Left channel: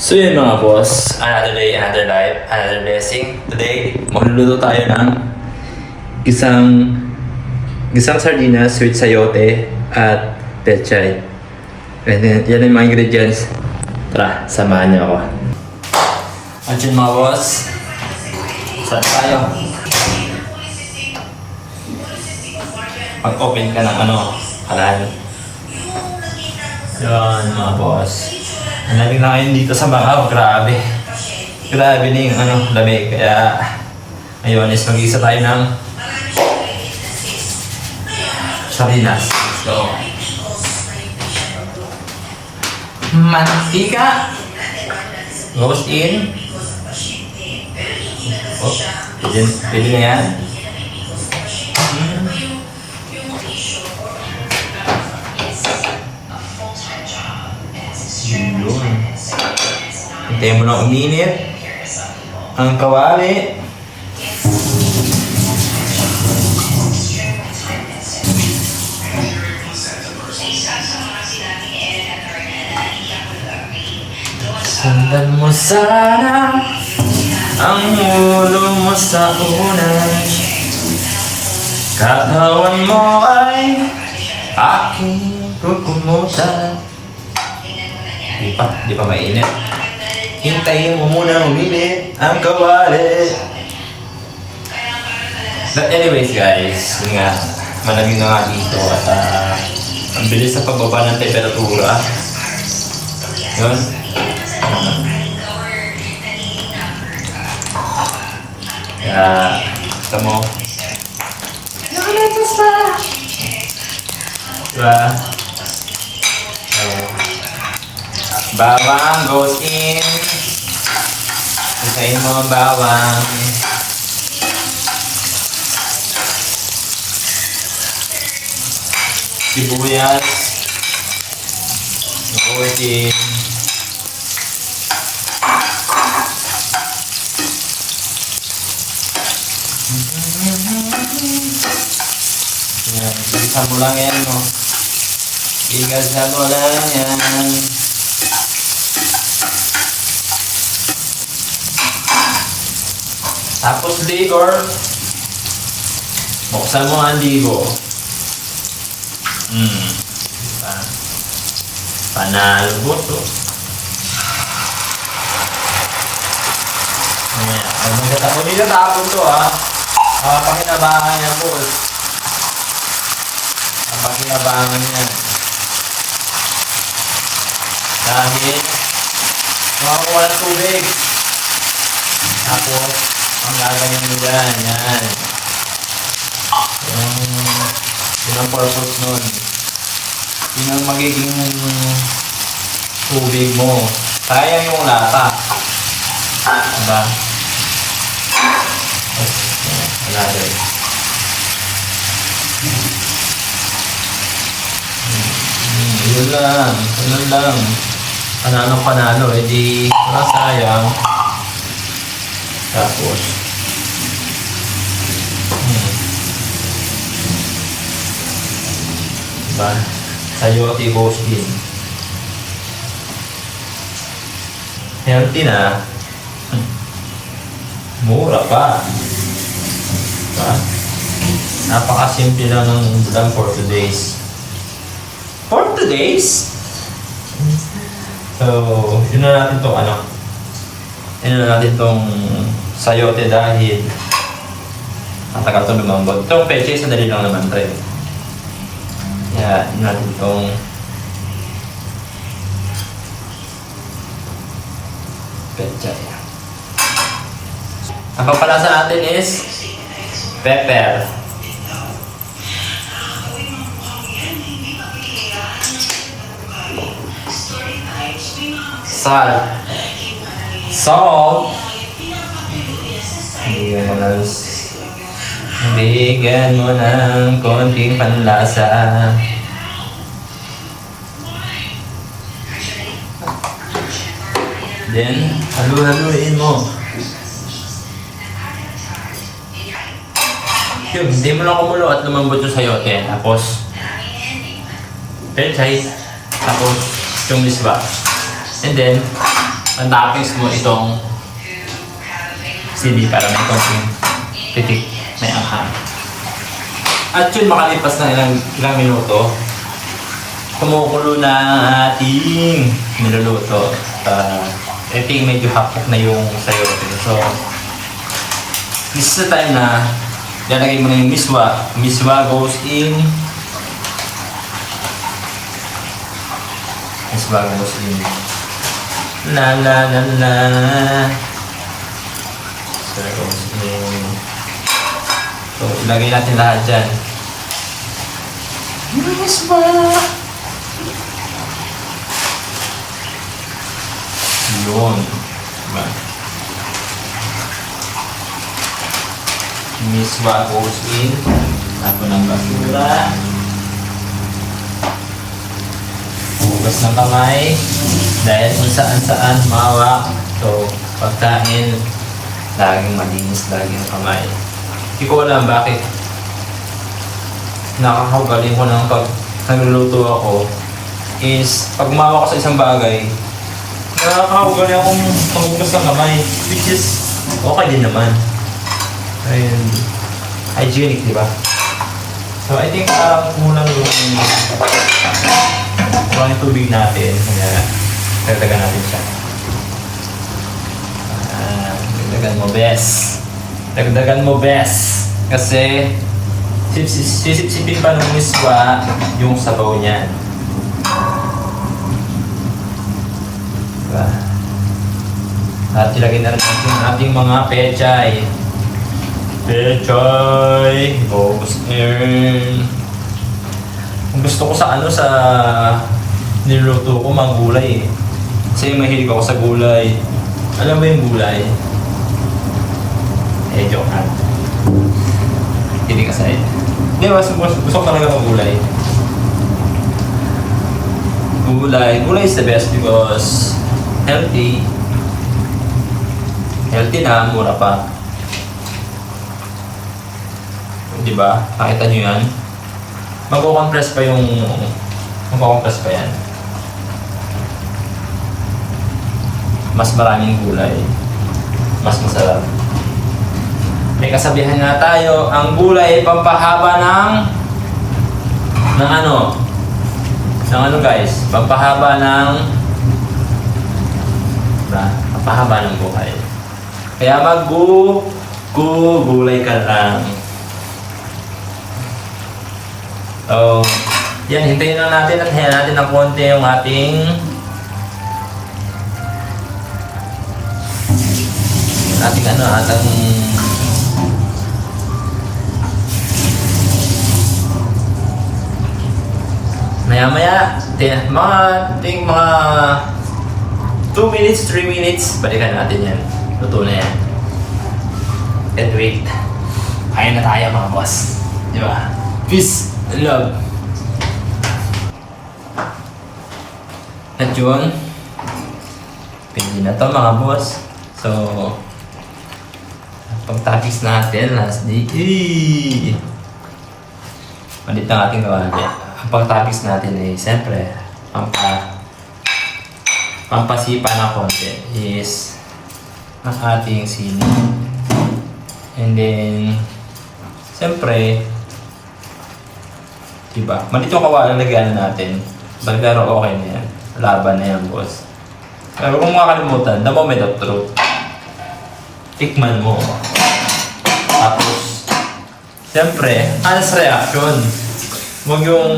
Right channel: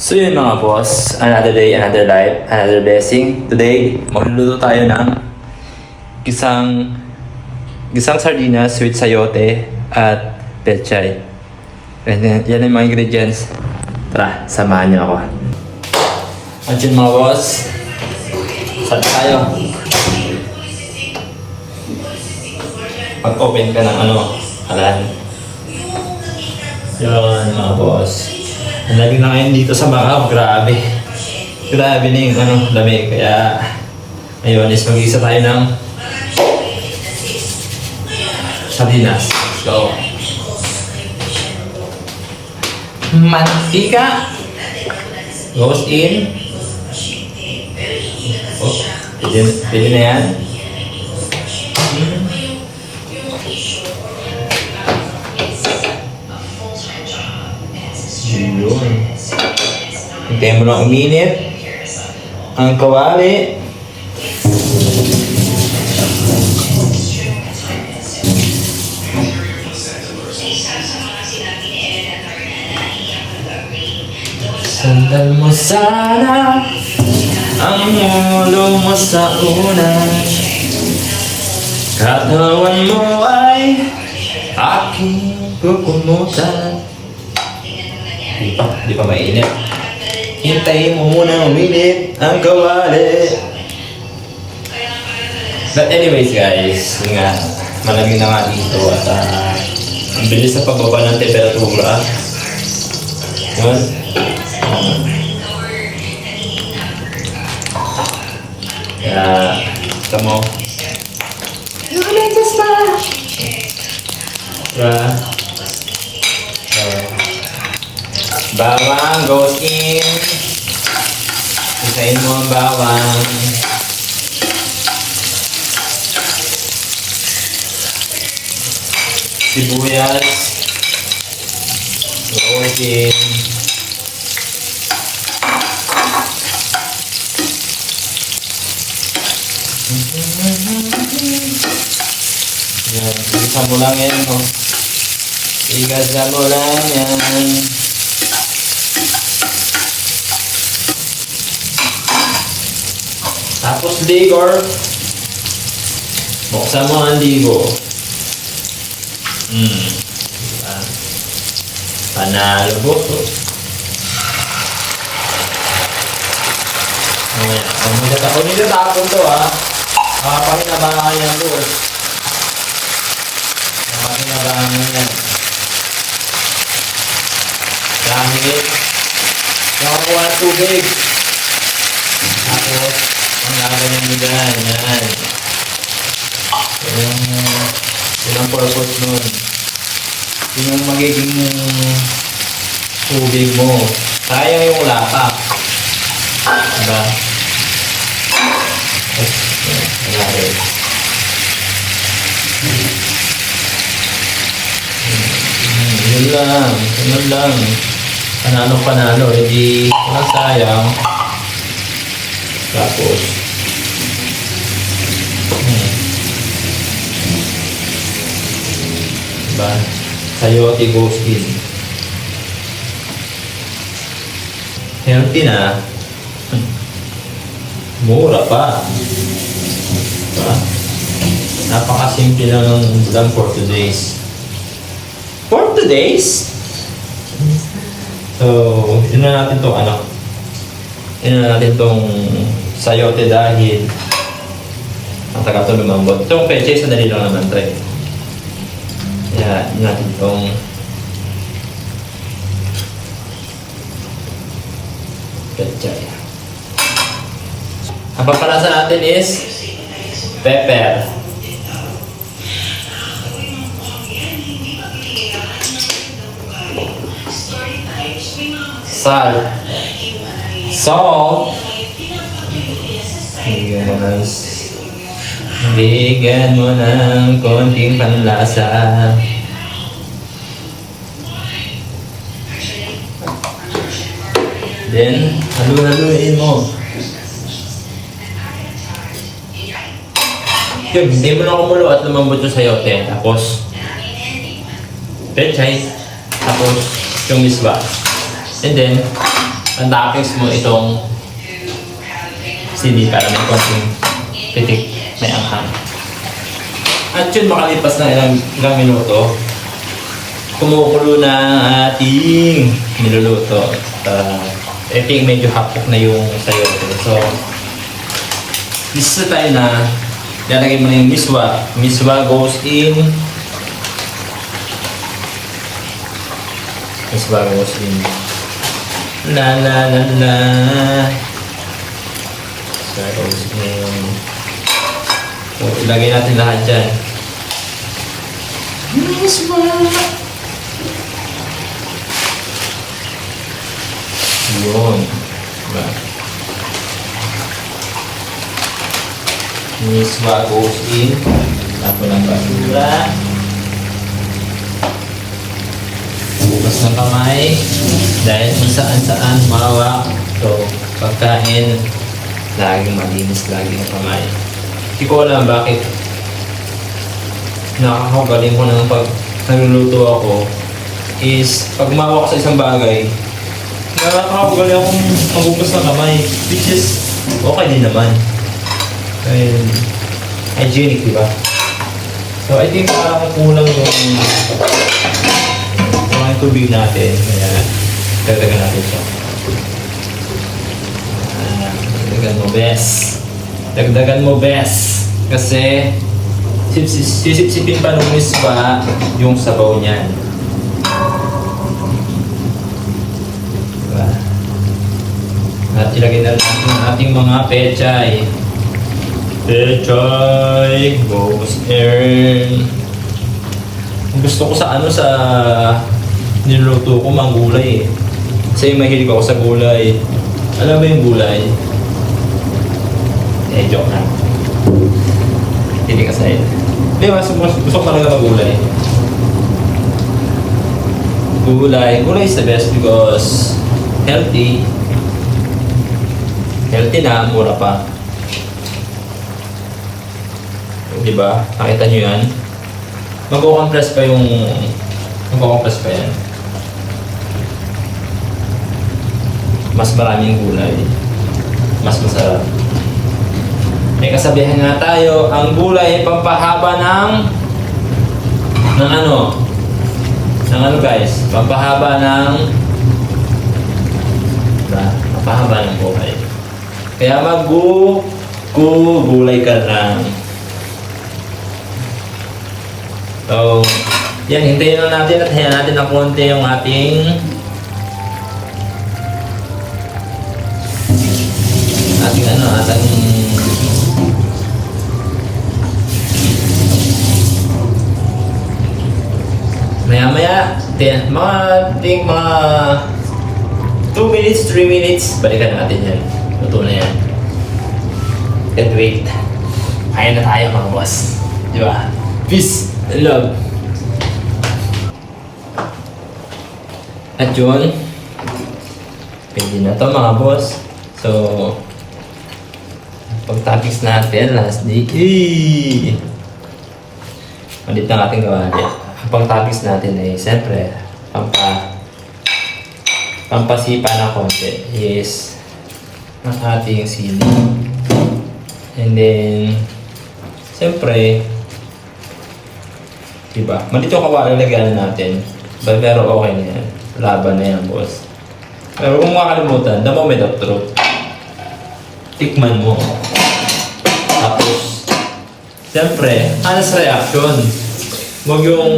So yun mga boss, another day, another life, another blessing. Today, magluluto tayo ng gisang sardinas with sayote at pechay. And then, yan ang mga ingredients. Tara, samahan niyo ako. At yun mga boss, saan tayo? Pag-open ka ng alam. Yun mga boss. Ang lamig na ngayon dito sa Macau, grabe. Grabe na yung lamig. Kaya ngayon is mag-isa tayo ng sardinas. So, mantika goes in. Oh, pwede na yan. Yun. Hintayin mo lang uminit ang kawali. Sundan mo sana ang ulo mo sa unan. Katawan mo ay aking kukumutan. Di pa mainit. Hintayin mo muna uminit ang kawali. But anyways guys, yun nga, malamig na nga dito at ang bilis sa pagbaba ng temperatura. Yun. Kaya, ito mo. Nakaletas pa! Diba? Bawang goes in. Isayin mo ang bawang. Sibuyas goes in. Igasa mo lang yan, no? Igasa mo lang yan. Tapos ligor. Buksan mo ang ligo. Diba? Panalo po to. Mamaya. Kung nila tapon to pakinabangan yan po. Pakinabangan yan. Dahil makakuha ng tubig. Tapos ang gaganyan mo dyan, yan. Yun ang purpose nun. Yun ang magiging tubig mo. Sayang yung lata. Diba? Wala rin. Yun lang. Yun lang. Panalo. Hindi walang sayang. Tapos diba? Sayote goes in. Healthy na. Mura pa. Diba? Napakasimple lang for today's. For today's? So, yun na natin itong sayote dahil matagal ito lumambot. Itong pechay, sadali lang naman ito. Kaya, yun natin itong pechay. Ang papalasa natin is pepper. Salt. Bigyan mo ng konting panlasa. Then, halu-haluin mo. Yun, hindi mo lang kumulo at lumambot yung sayote. Tapos, pechay. Tapos, yung miswa. And then, ang toppings mo itong sili para may konting pitik, may angkan. At yun, makalipas na ilang minuto, kumukulo na ang ating niluluto. I think medyo hapok na yung sayote. So, this is the time na lalagay mo na yung miswa. Miswa goes in. Miswa goes in. La la la la. Miswa goes in. So, ilagay natin lahat dyan. Miswa! Yun. Diba? Miswa goes in. Ako ng basura. Bukas ng kamay. Dahil kung saan-saan mawak. So, pagkain, laging malinis lagi ng kamay. Hindi ko alam bakit nakakagaling ko ng pag naluluto ako is pag mawak sa isang bagay, nakakagaling akong maghugas ng kamay, which is okay din naman. Ayun, hygienic, di ba? So I think parang kulang yung tubig natin, kaya dagdagan natin siya. Dagdagan mo, best. Dagdagan mo, best. Kasi sisip-sipin pa ng miswa yung sabaw niyan. Diba? At ilagay na rin ang ating mga pechay. Pechay! Goes in. Gusto ko sa sa niluto ko, mga gulay eh. Kasi mahilig ako sa gulay. Alam mo yung gulay? Joke na. Hindi kasi. Hindi, gusto ko talaga mag-gulay. Gulay is the best because healthy. Healthy na, mura pa. Diba? Nakita nyo yan? Mag-compress pa yan. Mas maraming gulay. Mas masarap. May kasabihan nga tayo, ang gulay ay pampahaba ng ano guys? Pampahaba ng buhay. Kaya gulay ka lang. So, yan, hintayin lang natin at hayan natin ng konti yung ating maya-maya, mga 2 minutes, 3 minutes, balikan natin yan. Luto na yan. And wait. Kaya na tayo mga boss. Diba? Peace and love. At yun, pwede na to mga boss. So, pagtapis natin, last day. Malit na ating gawa natin. Ang pagtapis natin ay siyempre pampasipa ng konti is ang ating sili. And then siyempre diba, malito ang kawalan lagyan natin pero okay na yan, laban na yan boss. Pero kung makakalimutan, the moment of truth, tikman mo, tapos siyempre honest reaction. Huwag yung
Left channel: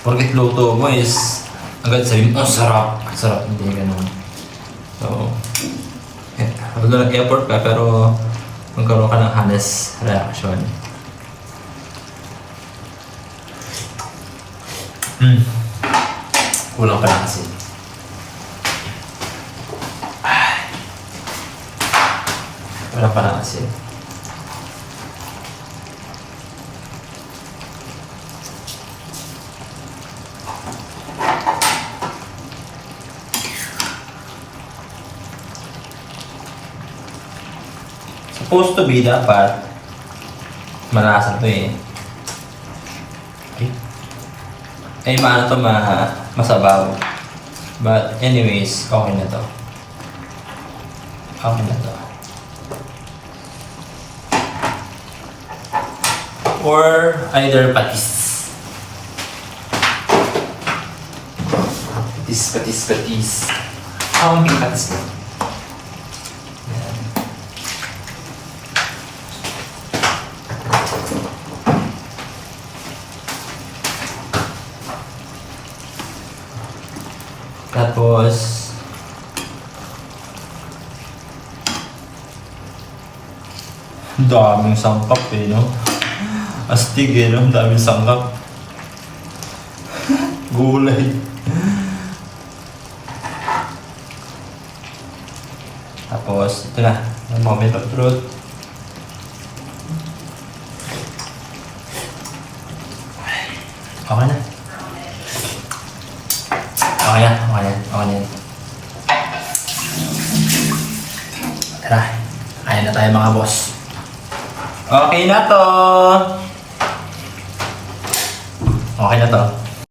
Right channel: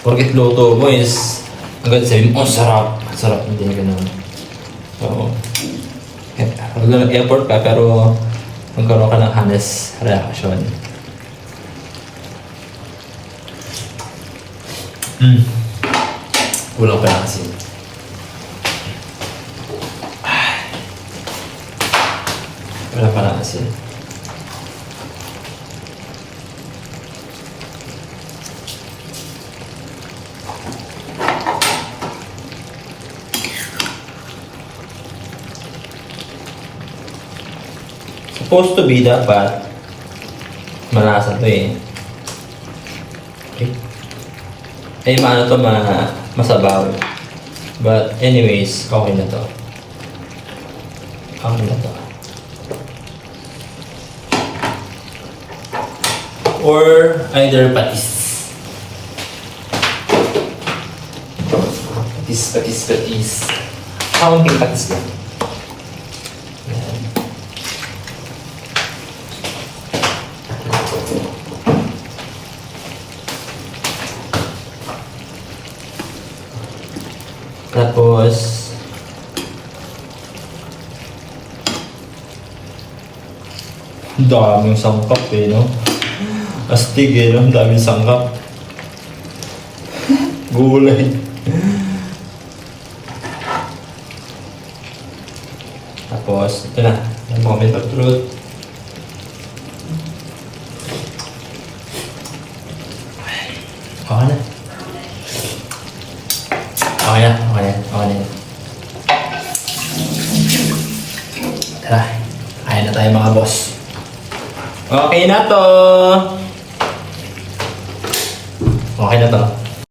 porkit luto mo is agad sabihin, oh sarap, hindi ganun. So, mag-effort ka pero magkaroon ka ng honest reaction. Kulang pa na kasi. Kulang pa na kasi. Supposed to be dapat malasa to eh. Okay. Ay maano to masabaw. But anyways, okay na to. Okay na to. Or either patis. Patis. Kaunting patis lang. Yan. Tapos, daming sangkap eh, no? Astig eh, no? Daming sangkap. Gulay. Tapos, ito na. Yung moment of truth. Okay na. Okay na. Tara, kaya na tayo mga boss. Okay na to. Okay na to.